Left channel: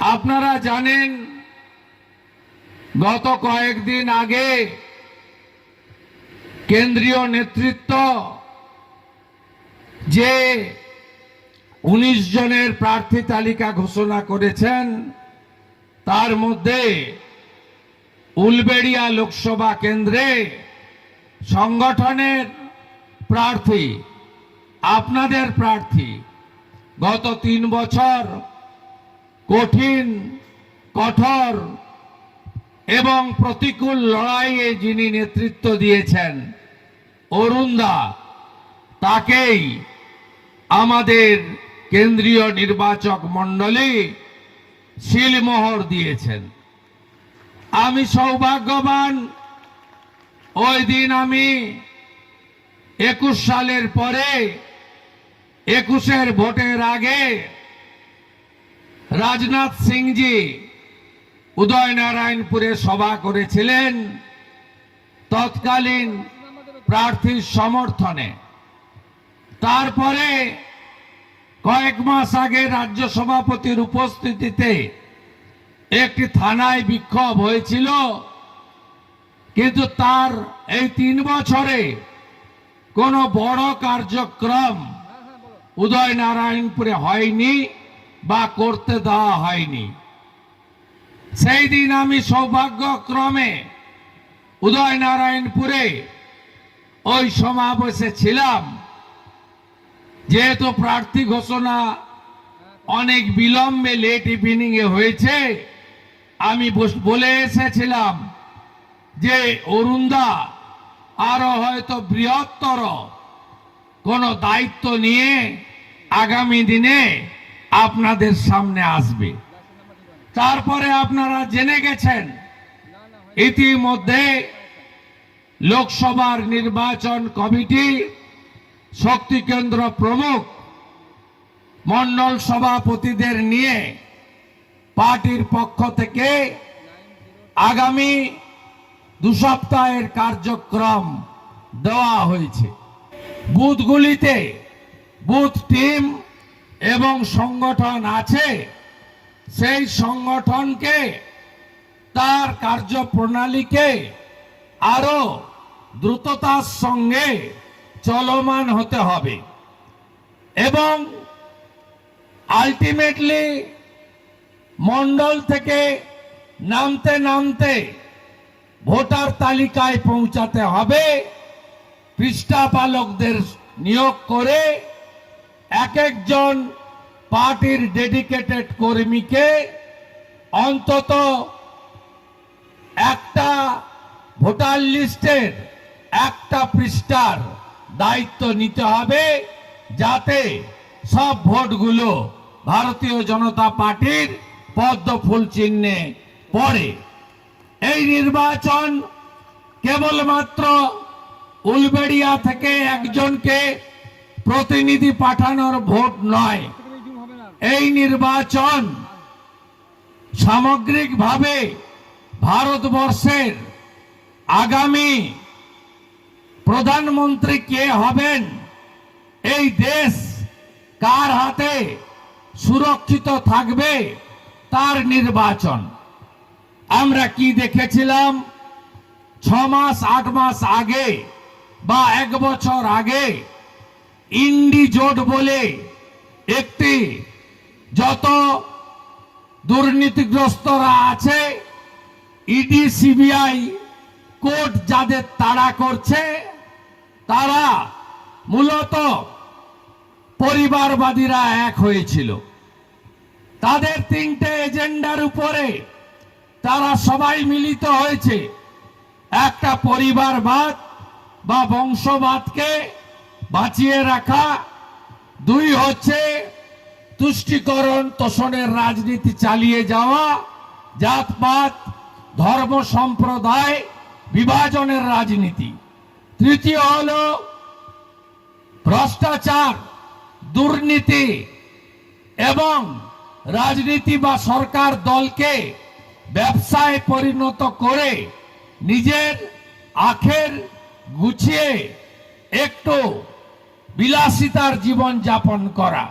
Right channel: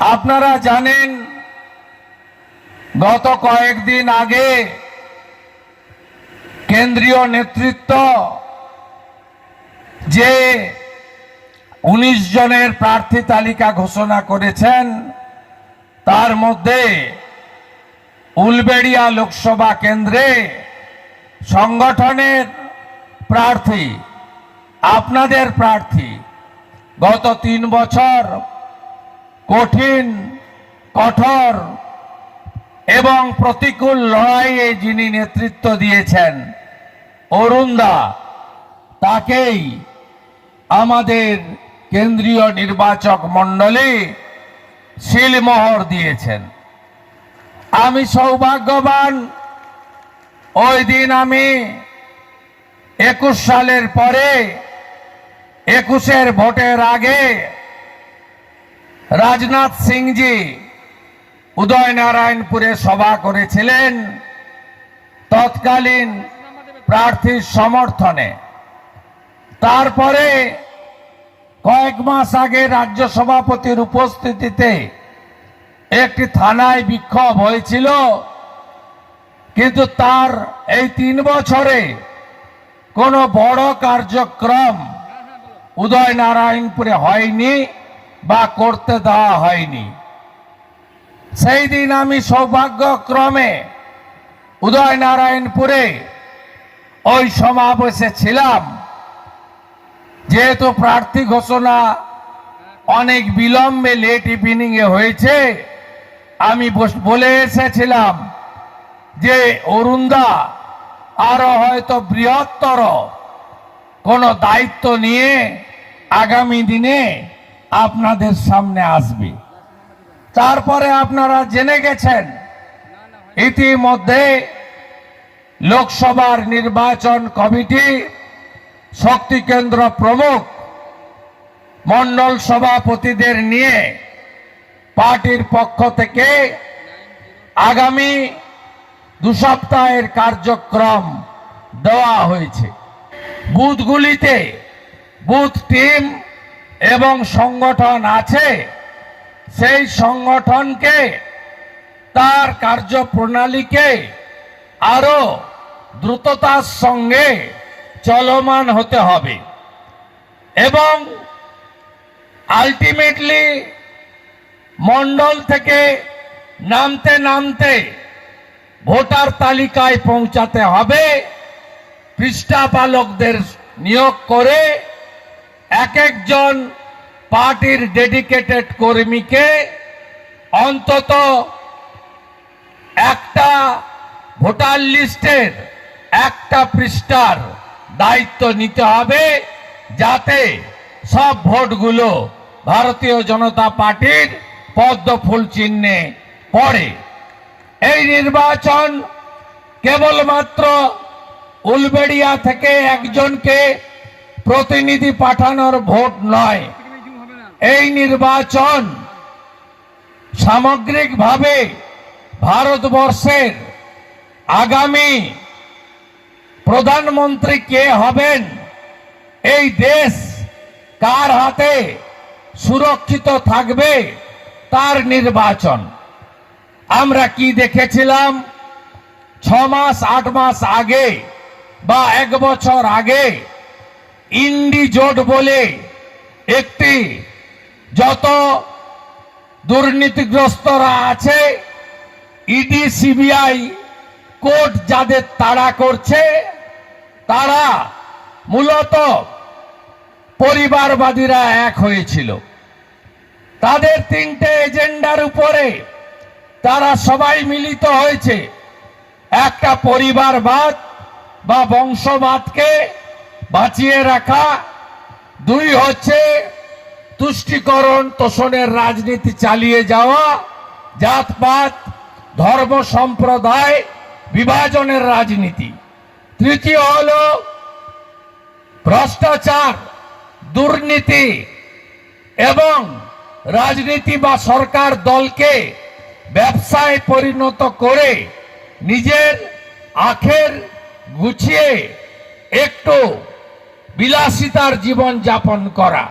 আপনারা জানেন, গত কয়েকদিন আগে কেন্দ্রীয় নেতৃত্ব যে উনিশ জনের প্রার্থী তালিকা ঘোষণা করেছেন, তার মধ্যে উলবেড়িয়া লোকসভা কেন্দ্রে সংগঠনের প্রার্থী, আপনাদের প্রার্থী, গত তিন বছর কঠিন, কঠোর এবং প্রতিকূল লড়াইয়ে যিনি নেতৃত্ব দিয়েছেন, অরুণদা, তাকেই আমাদের কেন্দ্রীয় নির্বাচক মণ্ডলী শিলমোহর দিয়েছেন। আমি সৌভাগ্যবান, ওই দিন আমি একুশ সালের পরে, একুশের ভোটের আগে রাজনাথ সিংজি উদয়নারায়ণপুরে সভা করেছিলেন। তৎকালীন প্রার্থীর সমর্থনে। তারপরে কয়েক মাস আগে রাজ্য সভাপতির উপস্থিতিতে একটি থানায় বিক্ষোভ হয়েছিল। কিন্তু তার এই তিন বছরে কোনো বড় কার্যক্রম উদয়নারায়ণপুরে হয়নি। বা করতে দেওয়া হয়নি। সেই দিন আমি সৌভাগ্যক্রমে উদয়নারায়ণপুরে ওই সমাবেশে ছিলাম। যেহেতু প্রার্থী ঘোষণা অনেক বিলম্বে লেট ইভিনিং এ হয়েছে, আমি বলে এসেছিলাম যে, অরুণদা, আরও হয়তো বৃহত্তর কোনো দায়িত্ব নিয়ে আগামী দিনে আপনাদের সামনে আসবে। তারপরে আপনারা জেনে গেছেন, ইতিমধ্যে লোকসভার নির্বাচন কমিটি শক্তি কেন্দ্র প্রমুখ মন্ডল সভাপতিদের নিয়ে পার্টির পক্ষ থেকে আগামী দু সপ্তাহের কার্যক্রম দেওয়া হয়েছে। বুথগুলিতে বুথ টিম এবং সংগঠন আছে, সেই সংগঠনকে, তার কার্যপ্রণালীকে আরও দ্রুততার সঙ্গে চলমান হতে হবে। এবং আলটিমেটলি মন্ডল থেকে নামতে নামতে ভোটার তালিকায় পৌঁছাতে হবে পৃষ্ঠাপালকদের নিয়োগ করে এক একজন পার্টির ডেডিকেটেড কর্মীকে অন্তত একটা ভোটার লিস্টের একটা পৃষ্ঠার দায়িত্ব নিতে হবে যাতে সব ভোটগুলো ভারতীয় জনতা পার্টির পদ্ম ফুল চিহ্নে পড়ে। এই নির্বাচন কেবলমাত্র উলবেড়িয়া থেকে একজনকে প্রতিনিধি পাঠানোর ভোট নয়। এই নির্বাচন সামগ্রিকভাবে ভারতবর্ষের আগামী প্রধানমন্ত্রী কে হবেন? এই দেশ কার হাতে সুরক্ষিত থাকবে? তার নির্বাচন। আমরা কি দেখেছিলাম? ছ মাস, আট মাস আগে বা এক বছর আগে ইন্ডি জোট বলে একটি যত দুর্নীতিগ্রস্তরা আছে, ইডি, সিবিআই কোর্ট যাদের তাড়া করছে, তারা মূলত পরিবারবাদীরা এক হয়েছিল। তাদের তিনটে এজেন্ডার উপরে তারা সবাই মিলিত হয়েছে। একটা পরিবারবাদ বা বংশবাদকে বাঁচিয়ে রাখা। দুই হচ্ছে তুষ্টিকরণ তোষণের রাজনীতি চালিয়ে যাওয়া, জাতপাত, ধর্ম সম্প্রদায় বিভাজনের রাজনীতি। তৃতীয় হল ভ্রষ্টাচার, দুর্নীতি এবং রাজনীতি বা সরকার দলকে ব্যবসায় পরিণত করে নিজের আখের গুছিয়ে একটু বিলাসিতার জীবন যাপন করা।